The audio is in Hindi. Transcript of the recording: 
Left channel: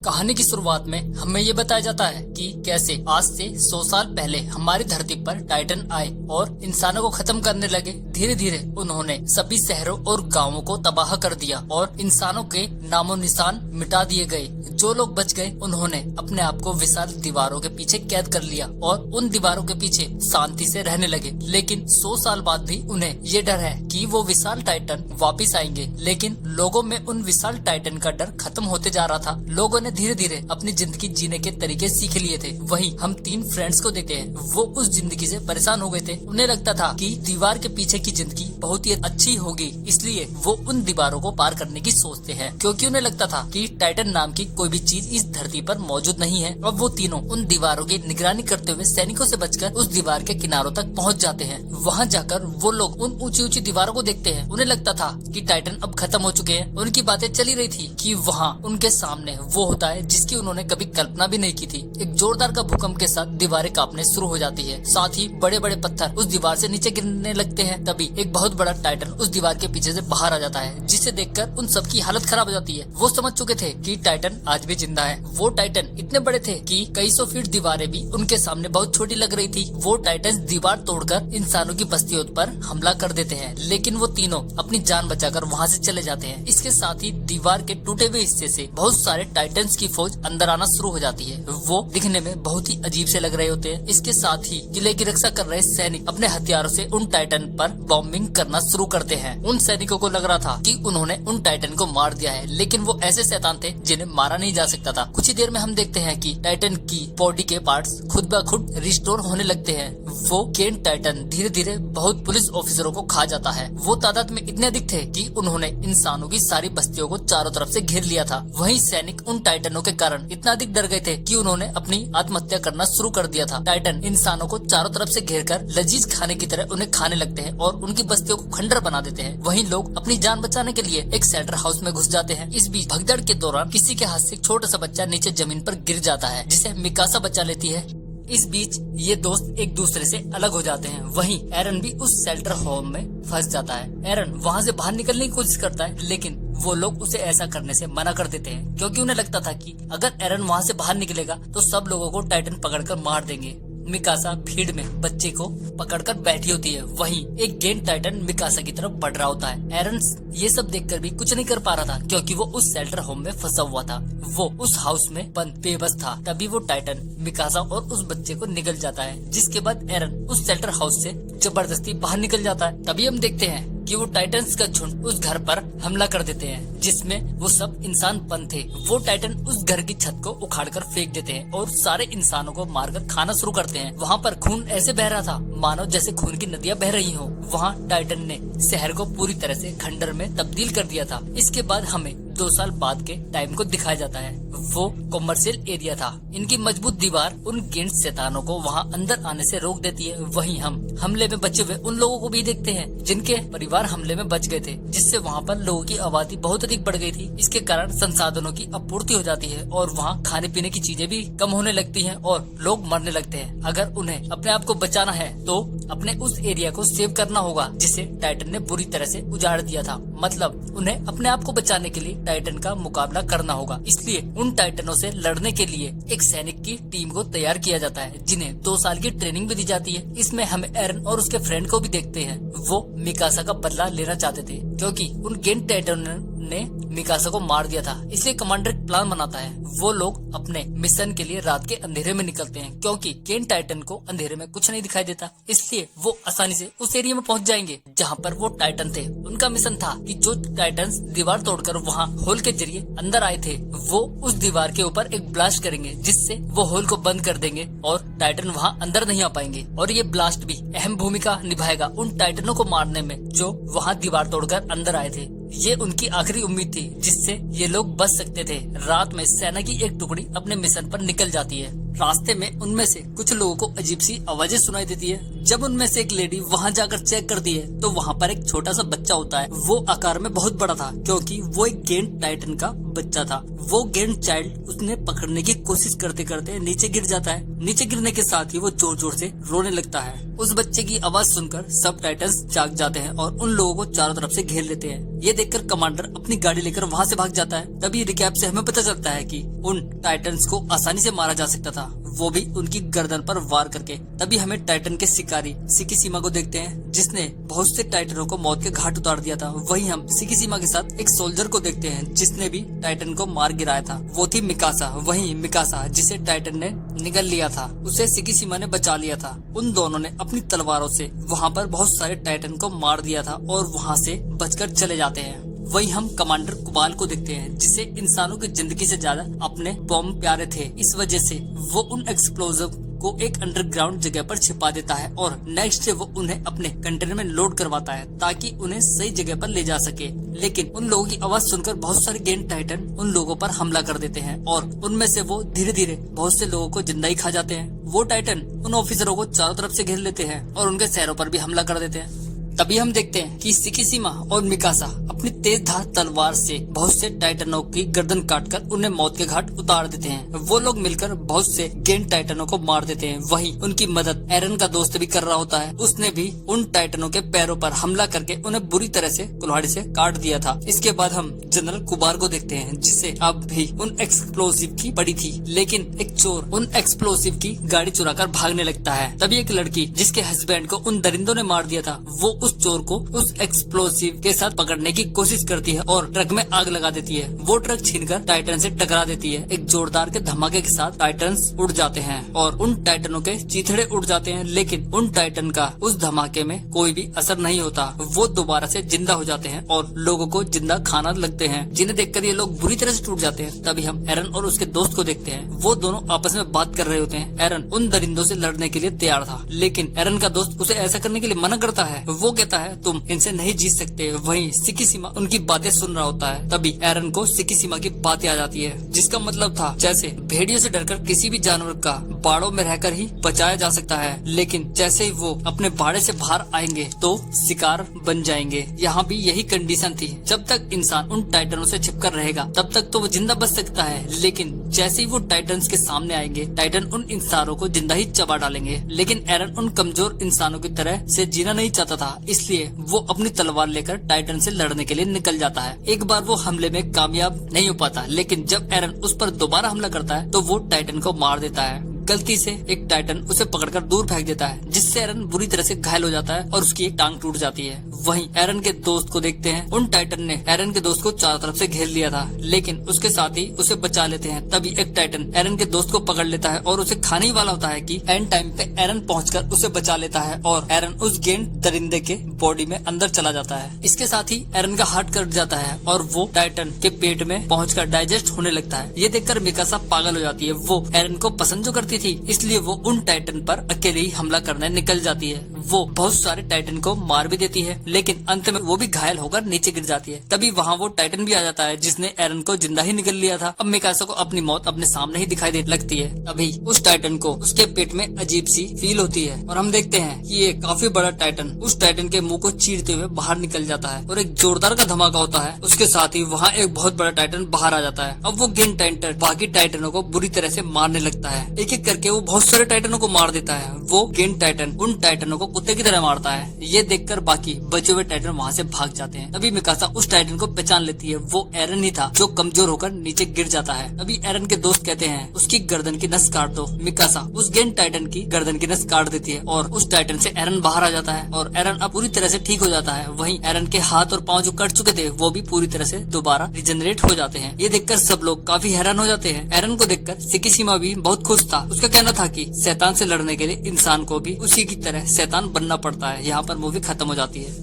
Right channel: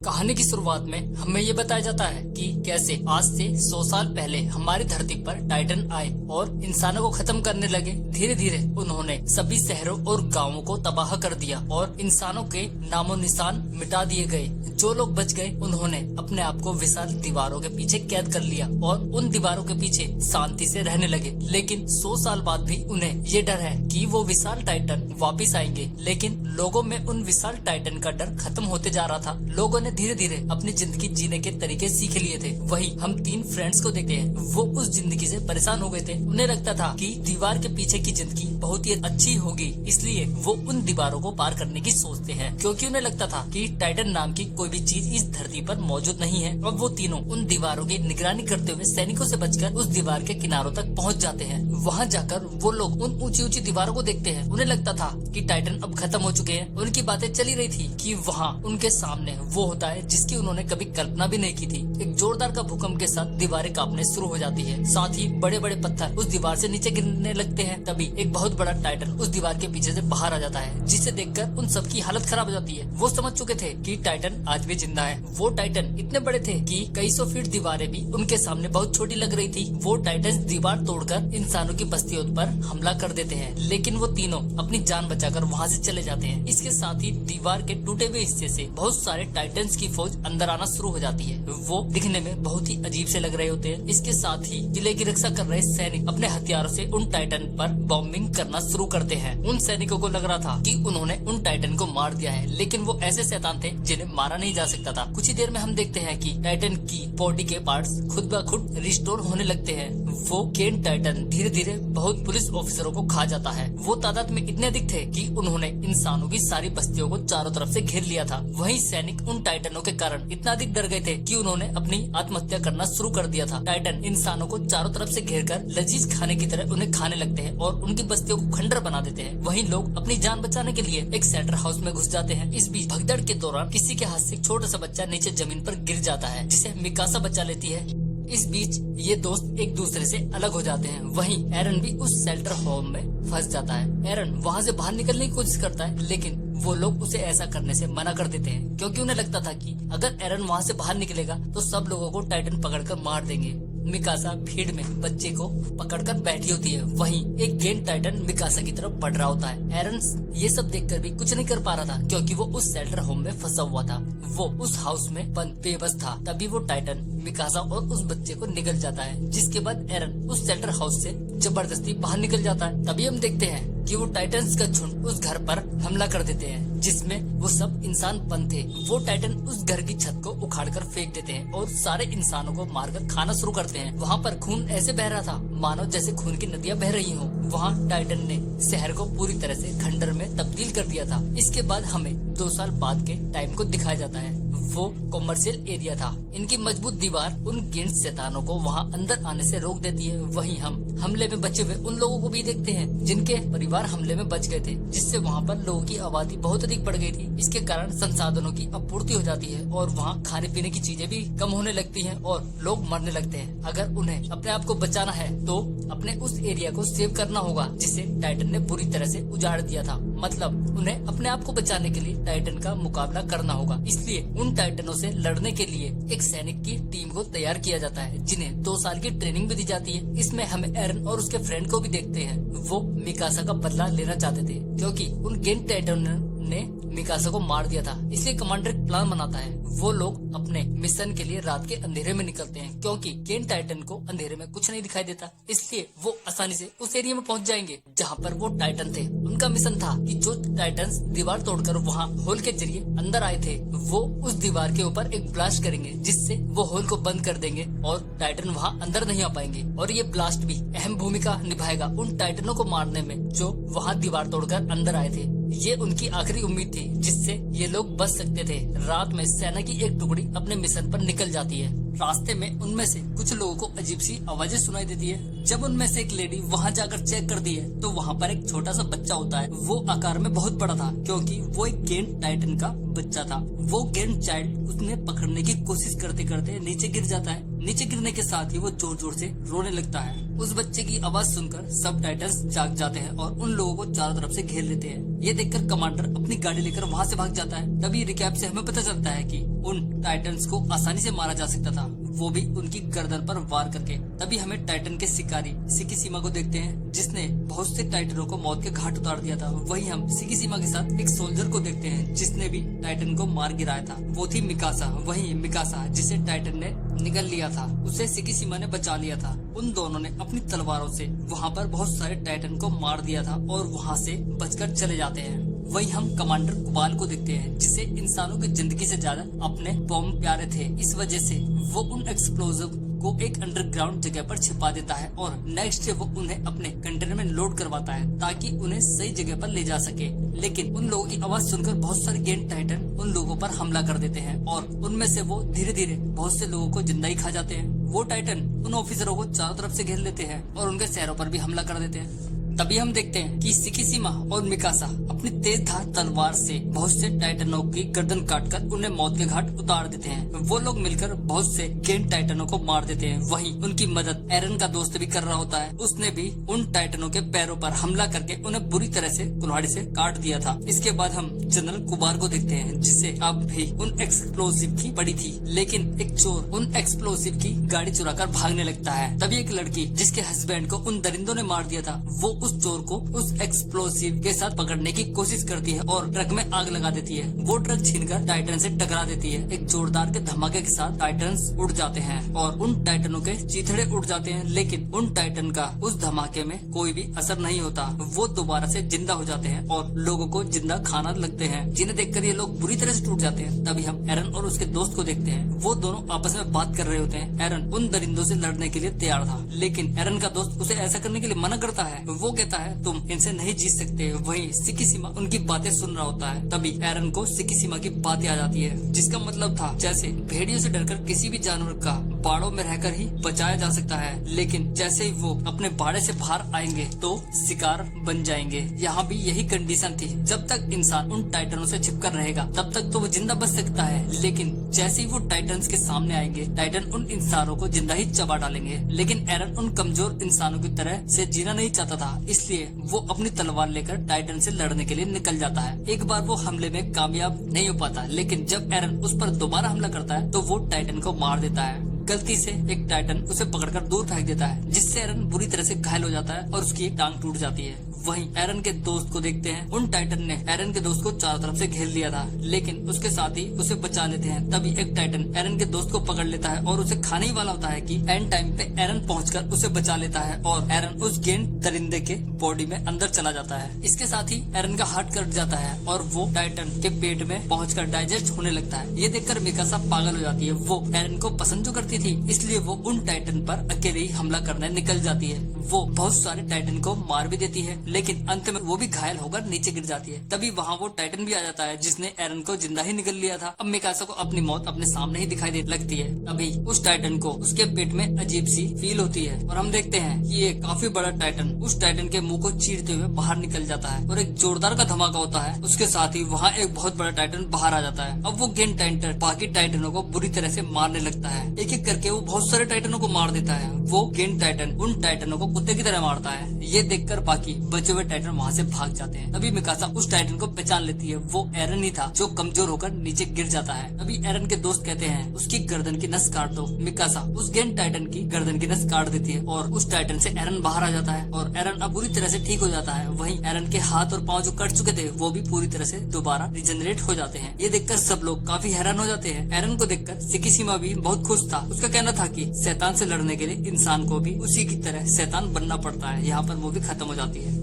कहानी की शुरुआत में हमें ये बताया जाता है कि कैसे आज से 100 साल पहले हमारी धरती पर टाइटन आए और इंसानों को खत्म करने लगे। धीरे धीरे उन्होंने सभी शहरों और गांवों को तबाह कर दिया और इंसानों के नामो निशान मिटा दिए गए। जो लोग बच गए उन्होंने अपने आप को विशाल दीवारों के पीछे कैद कर लिया और उन दीवारों के पीछे शांति से रहने लगे। लेकिन 100 साल बाद भी उन्हें ये डर है कि वो विशाल टाइटन वापिस आएंगे। लेकिन लोगों में उन विशाल टाइटन का डर खत्म होते जा रहा था। लोगों ने धीरे धीरे अपनी जिंदगी जीने के तरीके सीख लिए थे। वहीं हम 3 फ्रेंड्स को देखते हैं, वो उस जिंदगी से परेशान हो गए थे। उन्हें लगता था कि दीवार के पीछे की जिंदगी बहुत ही अच्छी होगी, इसलिए वो उन दीवारों को पार करने की सोचते हैं, क्योंकि उन्हें लगता था कि टाइटन नाम की कोई भी चीज इस धरती पर मौजूद नहीं है। और वो तीनों उन दीवारों की निगरानी करते हुए सैनिकों से बचकर उस दीवार के किनारों तक पहुंच जाते हैं। वहां जाकर वो लोग उन ऊंची ऊंची दीवारों को देखते हैं। उन्हें लगता था कि टाइटन अब खत्म हो चुके हैं। उनकी बातें चली रही थी कि वहाँ उनके सामने वो होता है जिसकी उन्होंने कभी कल्पना भी नहीं की थी। एक जोरदार का भूकंप के साथ दीवारें कांपने शुरू हो जाती है, साथ ही बड़े बड़े पत्थर उस दीवार से नीचे गिरने लगते हैं। तभी एक बहुत बड़ा टाइटन उस दीवार के पीछे से बाहर आ जाता है, जिसे देखकर उन सबकी हालत खराब हो जाती है। वो समझ चुके थे कि टाइटन आज भी जिंदा है। वो टाइटन इतने बड़े थे कि कई सौ फीट दीवारें भी उनके सामने बहुत छोटी लग रही थी। वो टाइटन दीवार तोड़कर इंसानों की बस्तियों पर हमला कर देते हैं, लेकिन वो तीनों अपनी जान बचाकर वहाँ से चले जाते हैं। इसके साथ ही दीवार के टूटे हुए हिस्से से बहुत सारे टाइटन्स की फौज अंदर आना शुरू हो जाती है। वो दिखने में बहुत ही अजीब से लग रहे होते हैं। इसके साथ ही किले की रक्षा कर रहे सैनिक अपने हथियारों से उन टाइटन पर बॉम्बिंग करना शुरू करते हैं। उन सैनिकों को लग रहा था कि उन्होंने उन टाइटन को मार दिया है, लेकिन वो ऐसे शैतान थे जिन्हें मारा नहीं जा सकता था। कुछ ही देर में हम देखते हैं कि टाइटन की बॉडी के पार्ट्स खुद ब खुद रिस्टोर होने लगते हैं। वो केन टाइटन धीरे धीरे बहुत पुलिस ऑफिसरों को खा जाता है। वो तादाद में इतने अधिक थे कि उन्होंने इंसानों की सारी बस्तियों को चारों तरफ से घेर लिया था। वहीं सैनिक उन टाइटनों के कारण इतना अधिक डर गए थे कि उन्होंने अपनी आत्महत्या करना शुरू कर दिया था। टाइटन इंसानों को चारों तरफ से घेरकर लजीज खाने की तरह उन्हें खाने लगते हैं और उनकी बस्तियों को खंडर बना देते हैं। वहीं लोग अपनी जान बचाने के लिए एक शेल्टर हाउस में घुस जाते हैं। इस बीच भगदड़ के दौरान किसी के हाथ से एक छोटा सा बच्चा नीचे जमीन पर गिर जाता है, जिसे मिकासा बचा लेती है। इस बीच ये दोस्त एक दूसरे से अलग हो जाते हैं। वहीं एरन भी उस शेल्टर होम में फंस जाता है। एरन वहाँ से बाहर निकलने की कोशिश करता है, लेकिन वो लोग उसे ऐसा करने से मना कर देते हैं, क्योंकि उन्हें लगता था कि अगर एरन वहाँ से बाहर निकलेगा तो सब लोगों को टाइटन पकड़कर मार देंगे। मिकासा भीड़ में बच्चे को पकड़कर बैठी होती है। वहीं एक गेंद टाइटन मिकासा की तरफ बढ़ रहा होता है। एरन ये सब देखकर भी कुछ नहीं कर पा रहा था, क्योंकि वो उस शेल्टर होम में फंसा हुआ था। वो उस हाउस में बंद बेबस था। तभी वो टाइटन मिकासा और उस बच्चे को निकल जाता है, जिसके बाद एरन उस शेल्टर हाउस से जबरदस्ती बाहर निकल जाता है। तभी हम देखते हैं कि वो टाइटन्स का झुंड उस घर पर हमला कर देते हैं, जिसमें वो सब इंसान बंद थे। वो टाइटन उस घर की छत को उखाड़कर फेंक देते हैं और सारे इंसानों को मारकर खाना शुरू करते हैं। वहाँ पर खून ऐसे बह रहा था मानो जैसे खून की नदियाँ बह रही हो। वहाँ टाइटन ने शहर को पूरी तरह से खंडर में तब्दील कर दिया था। इसके बाद हमें 2 साल बाद के टाइम को दिखाया जाता है। वो कॉमर्शियल एरिया था। इनकी मजबूत दीवार उन गिंड शैतानों को वहाँ अंदर आने से रोक देती है। वहीं हम हमले में बचे हुए उन लोगों को भी देखते हैं जिनके परिवार हमले में बच गए थे, जिससे वहाँ पर लोगों की आबादी बहुत अधिक बढ़ गई थी। इसके कारण संसाधनों की आपूर्ति हो जाती है और वहाँ खाने पीने की चीजें भी कम होने लगती हैं और लोग मरने लगते हैं। अगर उन्हें अपने आप को बचाना है तो अपने उस एरिया को सेव करना होगा, जिसे टाइटन ने बुरी तरह से उजाड़ दिया था। मतलब उन्हें अपने आप को बचाने के लिए टाइटन का मुकाबला करना होगा। इसलिए उन टाइटनों से लड़ने के लिए एक सैनिक की टीम को तैयार किया जाता है, जिन्हें 2 साल की ट्रेनिंग भी दी जाती है। इसमें हम एरन और उसके फ्रेंड को भी देखते हैं। वो मिकासा का बदला लेना चाहते थे, क्योंकि उन गेंद टाइटन ने मिकासा को मार दिया था। इसलिए कमांडर एक प्लान बनाता है। वो लोग अपने मिशन के लिए रात के अंधेरे में निकलते हैं, क्योंकि केन टाइटन को अंधेरे में कुछ नहीं दिखाई देता। इसलिए वो आसानी से उस एरिया में पहुंच जाएंगे जहां पर वो टाइटन थे। उनका मिशन था कि जो टाइटन्स दीवार तोड़कर वहां होल के जरिए अंदर आए थे, वो उस दीवार के ऊपर एक ब्लास्ट करेंगे, जिससे वो होल को बंद कर देंगे और टाइटन वहां अंदर नहीं आ पाएंगे। और ये ब्लास्ट भी अहम भूमिका निभाएगा उन टाइटनों को मारने में जो वहाँ दीवार तोड़कर अंदर आए थे। ये उनकी आखिरी उम्मीद थी, जिससे ये लोग बच सकते थे। रात में सेना की एक टुकड़ी अपने मिशन पर निकल जाती है। रास्ते में उनमें से कुछ लोगों को अजीब सी आवाजें सुनाई देती है। जब उनमें से एक लेडी वहां जाकर चेक करती है तो वहां पर एक छोटा सा बच्चा होता है। वो आकार में बहुत बड़ा था क्योंकि वो एक गेंट टाइटन का बच्चा था। वो गेंट चाइल्ड उसने पकड़ने की कोशिश करते करते नीचे गिर जाता है। नीचे गिरने के साथ ही वो जोर जोर से रोने लगता है। उस बच्चे की आवाज सुनकर सब टाइटन्स जाग जाते हैं और उन लोगों को चारों तरफ से घेर लेते हैं। ये देखकर कमांडर अपनी गाड़ी लेकर वहां से भाग जाता है। तभी रिकैप से हमें पता चलता है कि उन टाइटन्स को आसानी से मारा जा सकता था, वो भी उनकी गर्दन पर वार करके। तभी हमें टाइटन के शिकारी सिकिशिमा को देखते हैं जिसने बहुत से टाइटनों को मौत के घाट उतार दिया था। वहीं हम सिकिशिमा के साथ एक सोल्जर को देखते हैं जिसने भी टाइटन को मार गिराया था। वो थी मिकासा। वहीं मिकासा जिसे टाइटन ने निगल लिया था उसे सिकिशिमा ने बचा लिया था। उन दोनों ने अपनी तलवारों से वहाँ पर बहुत सारे टाइटन को मार दिया था और वहाँ से बचकर चले जाते हैं। वहीं हम कमांडर कुबाल को देखते हैं जिसे इंसानों की जिंदगी से ज्यादा अपने बॉम्ब प्यारे थे। इस वजह से वो उन एक्सप्लोजिव को एक अंडरग्राउंड जगह पर छिपा देता है और नेक्स्ट डे वो उन्हें अपने कंटेनर में लोड करवाता है ताकि उन्हें सही जगह पर ले जा सके। लेकिन उन लोगों की आवाज सुनकर बहुत सारे गेंट टाइटन उन लोगों पर हमला कर देते हैं और उनमें से वो धीरे धीरे बहुत से लोगों को जिंदा ही खा जाते हैं। वो टाइटन उन ऑफिसरों को चारों तरफ से घेर लेते हैं और उनके शहरों पर भी हमला कर देते हैं। तभी हम देखते हैं कि सिकिशिमा और मिकासा अपनी तेज धार तलवार से बहुत से टाइटनों की गर्दन काटकर उन्हें मौत के घाट उतार देते हैं। वो लोग मिलकर बहुत से गेंट टाइटनों को मार देते हैं। वहीं उनकी मदद एरन का दोस्त भी कर रहा होता है। उसने भी उन टाइटनों के पैरों पर हमला करके उन्हें बुरी तरह से कुल्हाड़ी से काट दिया था। इसके बाद हम जनरल कुबार को देखते हैं जिसे अब भी उन एक्सप्लोसिव की पड़ी थी, लेकिन एक चोर उन एक्सप्लोसिव की गाड़ी चुराकर भागने लगता है। तभी एक लड़की जिसके हस्बैंड को उन दरिंदों ने मार दिया था वो उस चोर को उस एक्सप्लोसिव के साथ पकड़ने की कोशिश करती है और ट्रक में आग लगा देती है। वो ट्रक छीनकर टाइटन से टकरा देती है। एक जोरदार के धमाके के साथ टाइटन्स उड़ जाते हैं और उन टाइटनों के चीथड़े उड़ जाते हैं, लेकिन उन टाइटन का उस धमाके में कोई भी असर नहीं होता। वो दोबारा से जिंदा हो जाते हैं और लोगों को जिंदा खाना लगते हैं, जिन्हें देखकर ये लोग बुरी तरह से टूट जाते हैं। तभी हम एरन और उसके दोस्त को देखते हैं। वो दोनों आपस में बात कर रहे होते हैं। एरन उन दरिंदों से लड़ने के लिए तैयार था, लेकिन एरन का दोस्त उसे ऐसा करने के लिए मना करता है। वो कहता है तुम इनसे नहीं जीत सकते। वहीं सिकिशिमा उनकी बातें सुन रहा होता है। तभी एरन को सिकिशिमा की बातें आ जाती है जिसका मतलब था जैसे भेड़ियों से डरकर किसी भी जानवर का बाड़ों में रहकर ही बचाया जा सकता है, लेकिन जैसे ही वो अपने बाड़े से बाहर आएंगे तो शिकार बन जाएंगे। यहाँ भी यही कंडीशन थी। जब तक इंसान उन टाइटनों से छिपकर रहेगा तब तक तो वो जिंदा बच सकता है, लेकिन जैसे ही वो टाइटन्स के सामने आएंगे टाइटन उन इंसानों को जिंदा ही चबा डालेंगे। लेकिन एरन उन कमजोर इंसानों की तरह से जीना नहीं चाहता था, इसलिए वो अपनी तलवार लेकर टाइटन से लड़ने के लिए निकल जाता है। एक बार वो हमले में कामयाब नहीं हो पाता, लेकिन जब एरन उस पर दोबारा हमला करता है तो वो टाइटन को मार देता है। गलती से एक टाइटन उसे पकड़कर दूर फेंक देता है जिससे एरन बुरी तरह से घायल हो जाता है और उसकी एक टांग टूट जाती है। वहीं एरन के दोस्त को देखते हैं। उन टाइटन ने एरन के दोस्त को चारों तरफ से घेर लिया था, लेकिन उसके साथ ही उसे बचा लेते हैं। तभी एक टाइटन एरन के दोस्त को पकड़ लेता है और उसे खाने ही वाला होता है कि एंड टाइम पे एरन पहुंचकर उसे बचा लेता है और एरन उस गेंद दरिंदे के बॉडी में अंदर चला जाता है। इसके साथ ही एरन का हार्ट कट जाता है और वो टाइटन के पेट में पहुंचकर डाइजेस्ट होने लगता है। ये देखकर मिकासा पागल हो जाती है। वो एरन को पसंद जो करती थी, इसलिए वो उन टाइटन पर अकेले ही हमला करने निकल जाती है। वो बहुत सारे टाइटन को मार भी देती है, लेकिन अंत में वो भी घायल होकर नीचे गिर जाती है। तभी वहाँ वो टाइटन भी आ जाता है जिसने एरन को जिंदा ही निकल लिया था। अब मिकासा को अपनी मौत अपने सामने ही दिखाई दे लगती है। तभी उस टाइटन को उसके पेट में अजीब सी फील होती है और हम देखते हैं कि ये काफी बड़ा टाइटन उस टाइटन के मुंह को चीरते हुए बाहर निकल जाता है और एक जोरदार का धमाका होता है। उसके साथ ही वहाँ एक बहुत बड़ा टाइटन बाहर आ जाता है। अब वो गेंट टाइटन बाकी टाइटनों को बुरी तरह से मारने लगता है। एक एक करके वो बहुत सारे टाइटनों को मार देता है। वो गेंट टाइटन उन टाइटनों को कुत्ते की तरह मारता है। ये देखकर बाकी बचे हुए टाइटन वहाँ से भाग जाते हैं। तभी मिकासा उस टाइटन को पहचान लेती है। वो एरन ही था जो कमजोर होकर नीचे गिर जाता है। अभी एरन के दोस्त कहते हैं उसकी गर्दन की नस काट दो। मिकासा उस गेंट टाइटन की गर्दन की नस काट देती है और उस टाइटन से एरन बाहर आ जाता है और एरन अब पूरी तरह से ठीक हो जाता है। वहीं एरन के हाथ और पांव जो कट चुके थे वो भी पूरी तरह से दोबारा रिजनरेट हो जाते हैं। ये देखकर सब लोग काफी हैरान हो जाते हैं। एरन को देखकर सिकिशिमा भी बहुत खुश था। उसका कहना था कि शैतान से लड़ने के लिए इंसान को भी उसी की तरह शैतान बनना पड़ता है। यहाँ पर मूवी खत्म हो जाती है।